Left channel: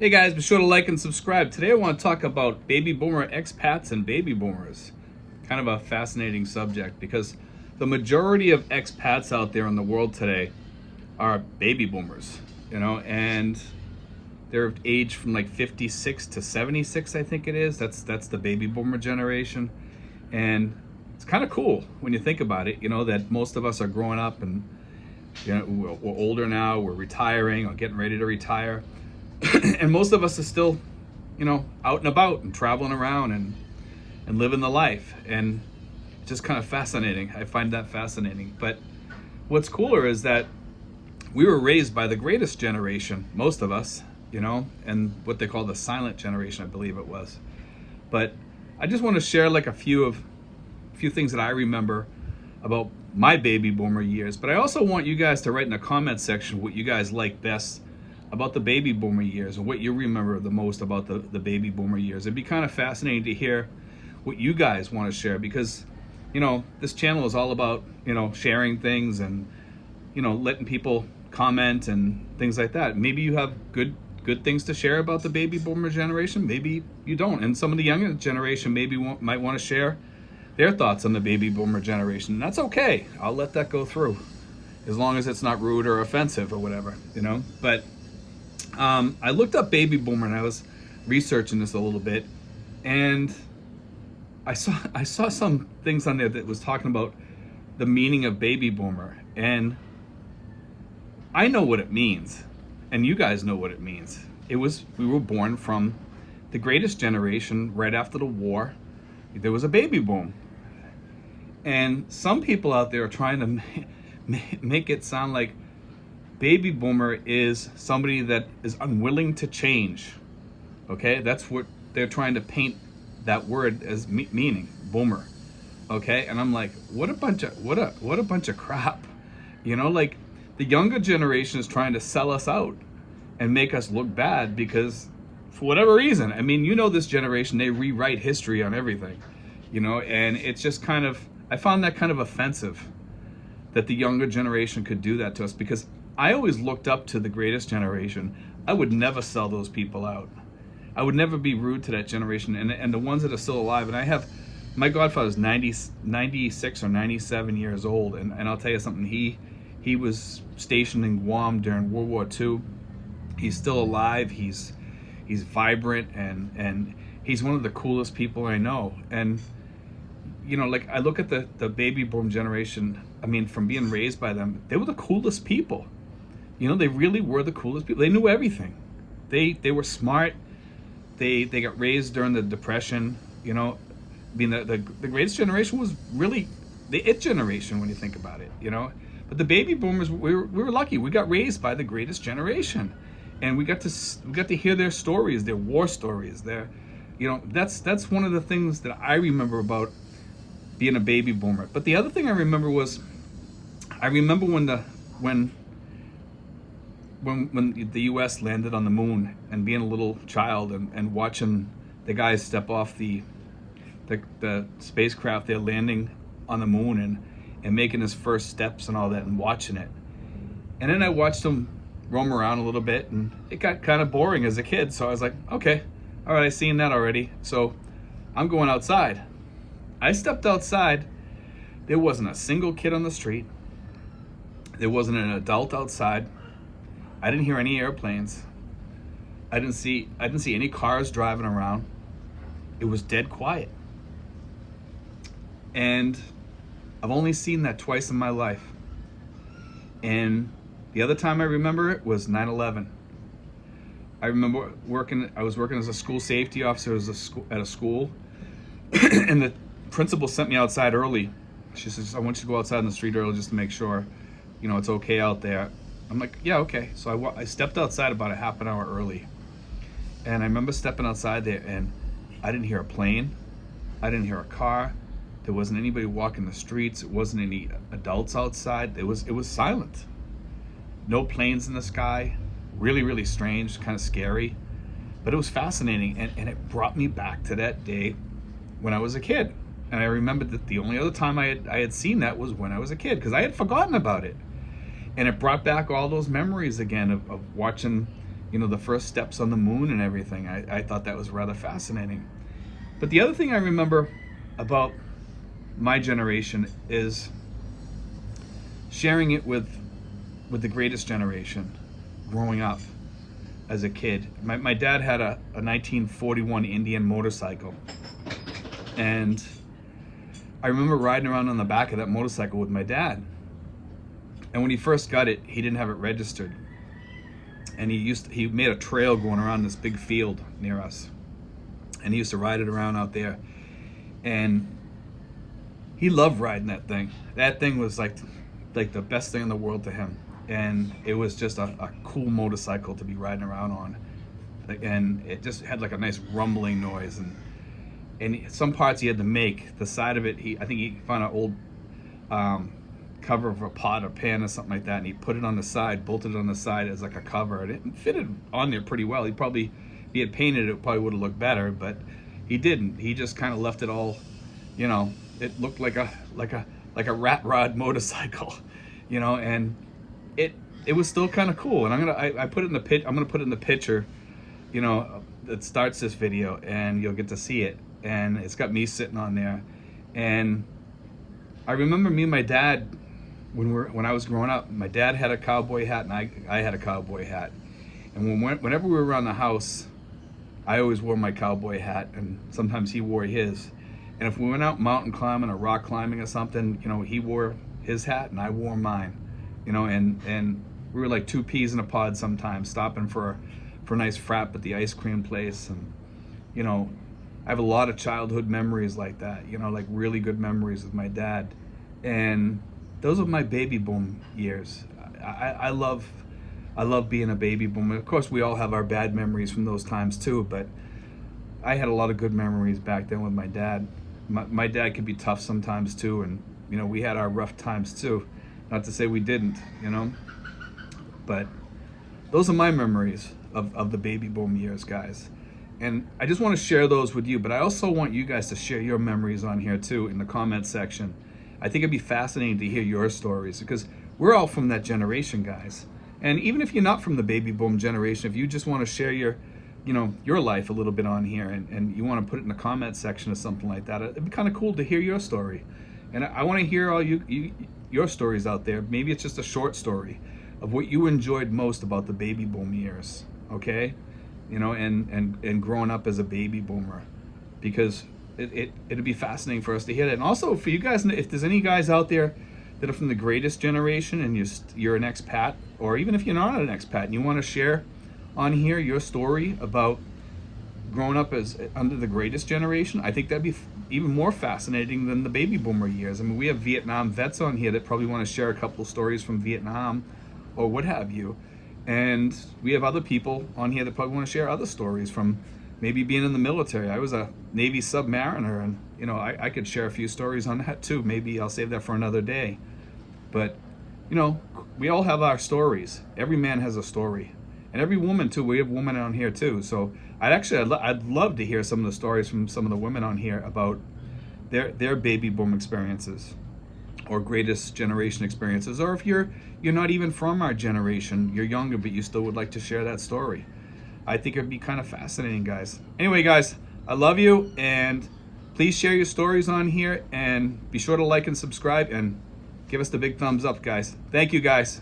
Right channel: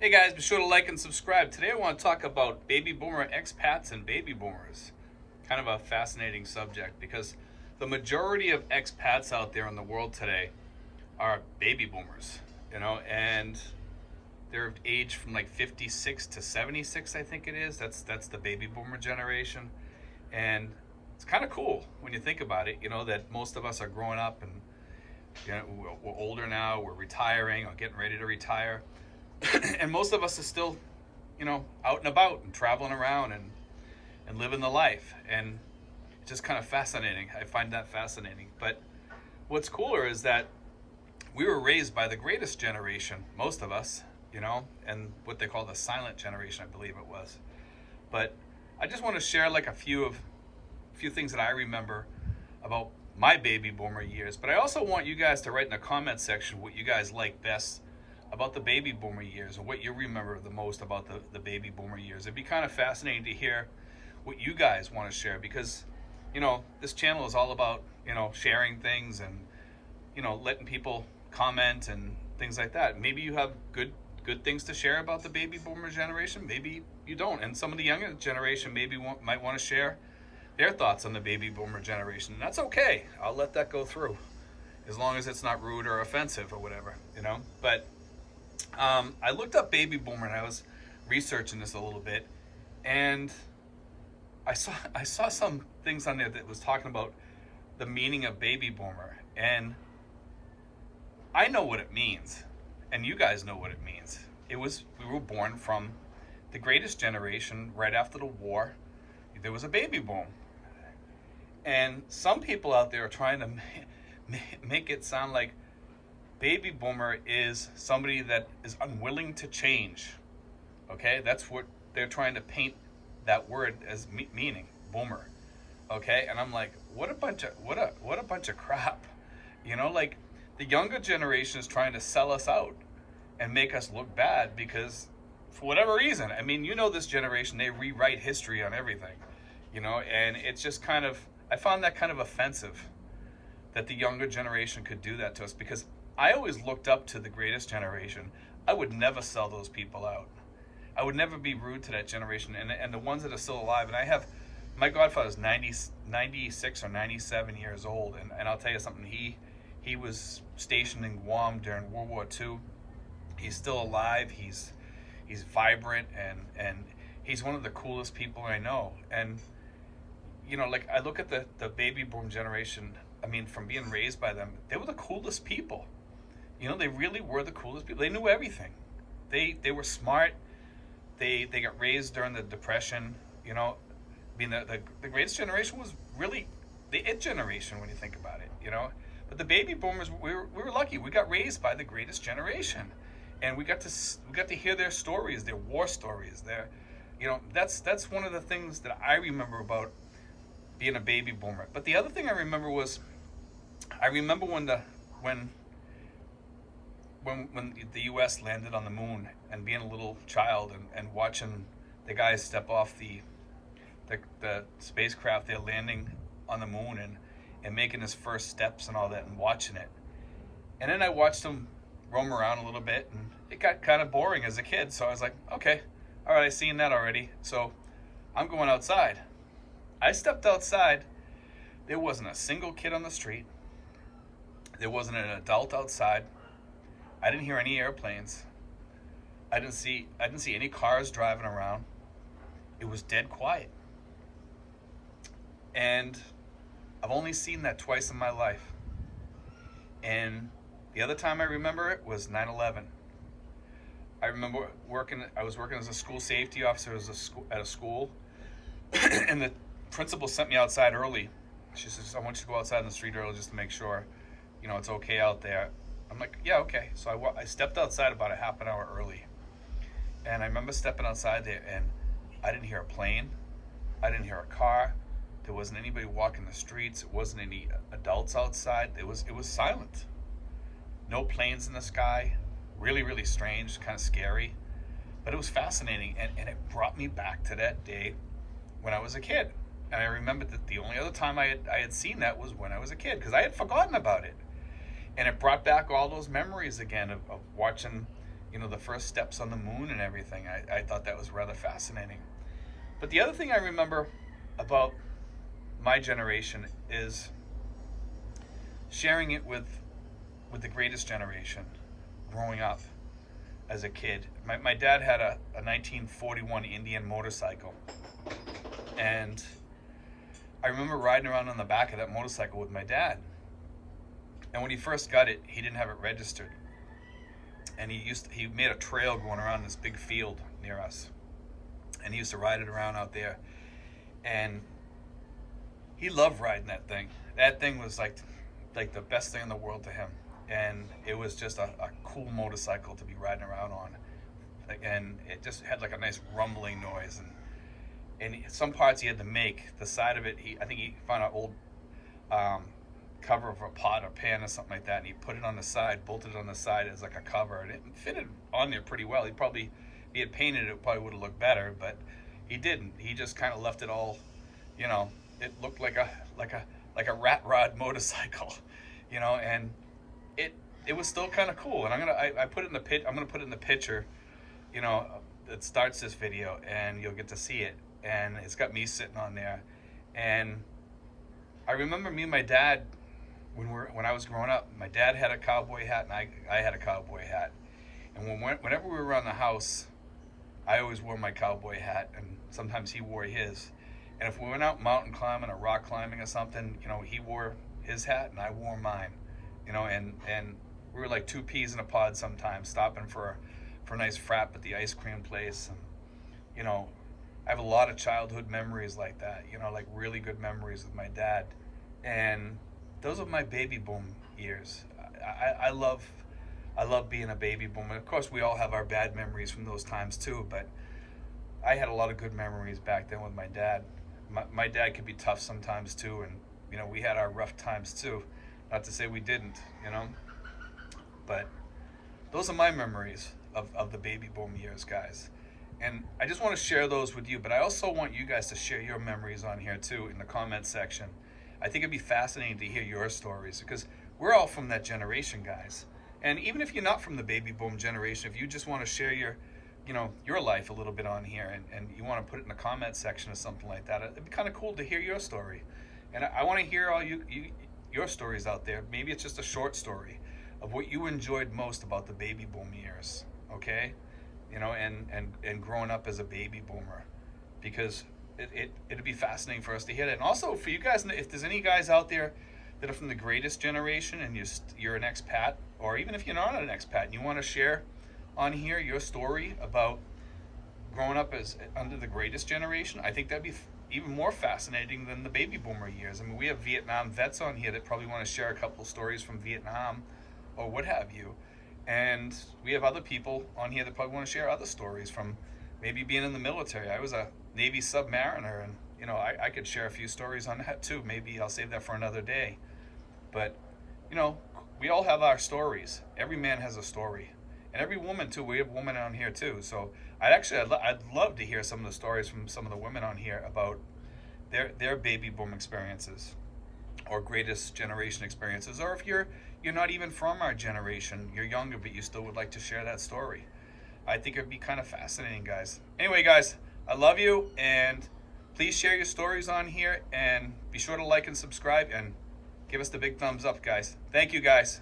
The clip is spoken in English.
Hey guys, be sure to like and subscribe. Today I want to talk about baby boomer expats and baby boomers. Kind of a fascinating subject because the majority of expats out there in the world today are baby boomers, and they're aged from like 56 to 76, I think it is. That's the baby boomer generation. And it's kind of cool when you think about it, that most of us are growing up and we're older now, we're retiring or getting ready to retire. And most of us are still, out and about and traveling around and living the life. And it's just kind of fascinating. I find that fascinating. But what's cooler is that we were raised by the greatest generation, most of us, and what they call the silent generation, I believe it was. But I just want to share like a few things that I remember about my baby boomer years. But I also want you guys to write in the comment section what you guys like best about the baby boomer years, or what you remember the most about the baby boomer years. It'd be kind of fascinating to hear what you guys want to share, because this channel is all about sharing things and letting people comment and things like that. Maybe you have good things to share about the baby boomer generation, maybe you don't, and some of the younger generation might want to share their thoughts on the baby boomer generation. And that's okay, I'll let that go through, as long as it's not rude or offensive or whatever, but I looked up baby boomer and I was researching this a little bit, and I saw some things on there that was talking about the meaning of baby boomer, and I know what it means, and you guys know what it means. We were born from the greatest generation right after the war. There was a baby boom, and some people out there are trying to make it sound like baby boomer is somebody that is unwilling to change. Okay, that's what they're trying to paint that word as meaning, boomer. Okay, and I'm like, what a bunch of crap. Like the younger generation is trying to sell us out and make us look bad because for whatever reason. I mean, this generation, they rewrite history on everything. And it's just I found that kind of offensive that the younger generation could do that to us, because I always looked up to the greatest generation. I would never sell those people out. I would never be rude to that generation. And the ones that are still alive, and my godfather's 96 or 97 years old, and I'll tell you something, he was stationed in Guam during World War II. He's still alive, he's vibrant, and he's one of the coolest people I know. And like I look at the baby boom generation, I mean, from being raised by them, they were the coolest people. They really were the coolest people. They knew everything. They were smart. They got raised during the Depression. I mean, the greatest generation was really the it generation when you think about it. But the baby boomers, we were lucky. We got raised by the greatest generation, and we got to hear their stories, their war stories. That's one of the things that I remember about being a baby boomer. But the other thing I remember was, when the U.S. landed on the moon, and being a little child and watching the guys step off the spacecraft, they're landing on the moon and making his first steps and all that, and watching it. And then I watched them roam around a little bit, and it got kind of boring as a kid. So I was like, okay, all right, I've seen that already. So I'm going outside. I stepped outside. There wasn't a single kid on the street. There wasn't an adult outside. I didn't hear any airplanes. I didn't see any cars driving around. It was dead quiet. And I've only seen that twice in my life. And the other time I remember it was 9/11. I remember I was working as a school safety officer at a school, and the principal sent me outside early. She says, I want you to go outside in the street early just to make sure, it's okay out there. I'm like, yeah, okay. So I stepped outside about a half an hour early. And I remember stepping outside there, and I didn't hear a plane. I didn't hear a car. There wasn't anybody walking the streets. It wasn't any adults outside. It was silent. No planes in the sky. Really, really strange, kind of scary. But it was fascinating, and it brought me back to that day when I was a kid. And I remembered that the only other time I had seen that was when I was a kid, because I had forgotten about it. And it brought back all those memories again of watching, the first steps on the moon and everything. I thought that was rather fascinating. But the other thing I remember about my generation is sharing it with the greatest generation growing up as a kid. My dad had a 1941 Indian motorcycle, and I remember riding around on the back of that motorcycle with my dad. And when he first got it, he didn't have it registered, and he made a trail going around this big field near us, and he used to ride it around out there, and he loved riding that thing. That thing was like the best thing in the world to him, and it was just a cool motorcycle to be riding around on, and it just had like a nice rumbling noise, and some parts he had to make. The side of it, I think he found an old cover of a pot or pan or something like that, and he put it on the side, bolted it on the side as like a cover, and it fitted on there pretty well. If he had painted it, probably would have looked better, but he didn't. He just kind of left it all, it looked like a rat rod motorcycle, and it was still kind of cool. And I'm gonna put it in the I'm gonna put it in the picture, that starts this video, and you'll get to see it. And it's got me sitting on there, and I remember me and my dad when I was growing up. My dad had a cowboy hat, and I had a cowboy hat, and whenever we were around the house, I always wore my cowboy hat, and sometimes he wore his. And if we went out mountain climbing or rock climbing or something, he wore his hat and I wore mine, and we were like two peas in a pod sometimes, stopping for a nice frap at the ice cream place. And I have a lot of childhood memories like that, like really good memories with my dad. And those are my baby boom years. I love being a baby boomer. Of course, we all have our bad memories from those times too, but I had a lot of good memories back then with my dad. My dad could be tough sometimes too, and we had our rough times too. Not to say we didn't, but those are my memories of the baby boom years, guys. And I just want to share those with you, but I also want you guys to share your memories on here too in the comment section. I think it'd be fascinating to hear your stories, because we're all from that generation, guys. And even if you're not from the baby boom generation, if you just want to share your life a little bit on here, and you want to put it in the comment section or something like that, it'd be kind of cool to hear your story. And I want to hear all your stories out there. Maybe it's just a short story of what you enjoyed most about the baby boom years, okay? And growing up as a baby boomer, because it'd be fascinating for us to hear that. And also for you guys, if there's any guys out there that are from the greatest generation and you're an expat, or even if you're not an expat and you want to share on here your story about growing up as under the greatest generation, I think that'd be even more fascinating than the baby boomer years. I mean, we have Vietnam vets on here that probably want to share a couple stories from Vietnam or what have you. And we have other people on here that probably want to share other stories from maybe being in the military. I was a Navy submariner, and I could share a few stories on that too. Maybe I'll save that for another day. But we all have our stories. Every man has a story, and every woman too. We have women on here too. So I'd love to hear some of the stories from some of the women on here about their baby boom experiences or greatest generation experiences. Or if you're not even from our generation, you're younger, but you still would like to share that story. I think it'd be kind of fascinating, guys. Anyway, guys, I love you, and please share your stories on here, and be sure to like and subscribe, and give us the big thumbs up, guys. Thank you, guys.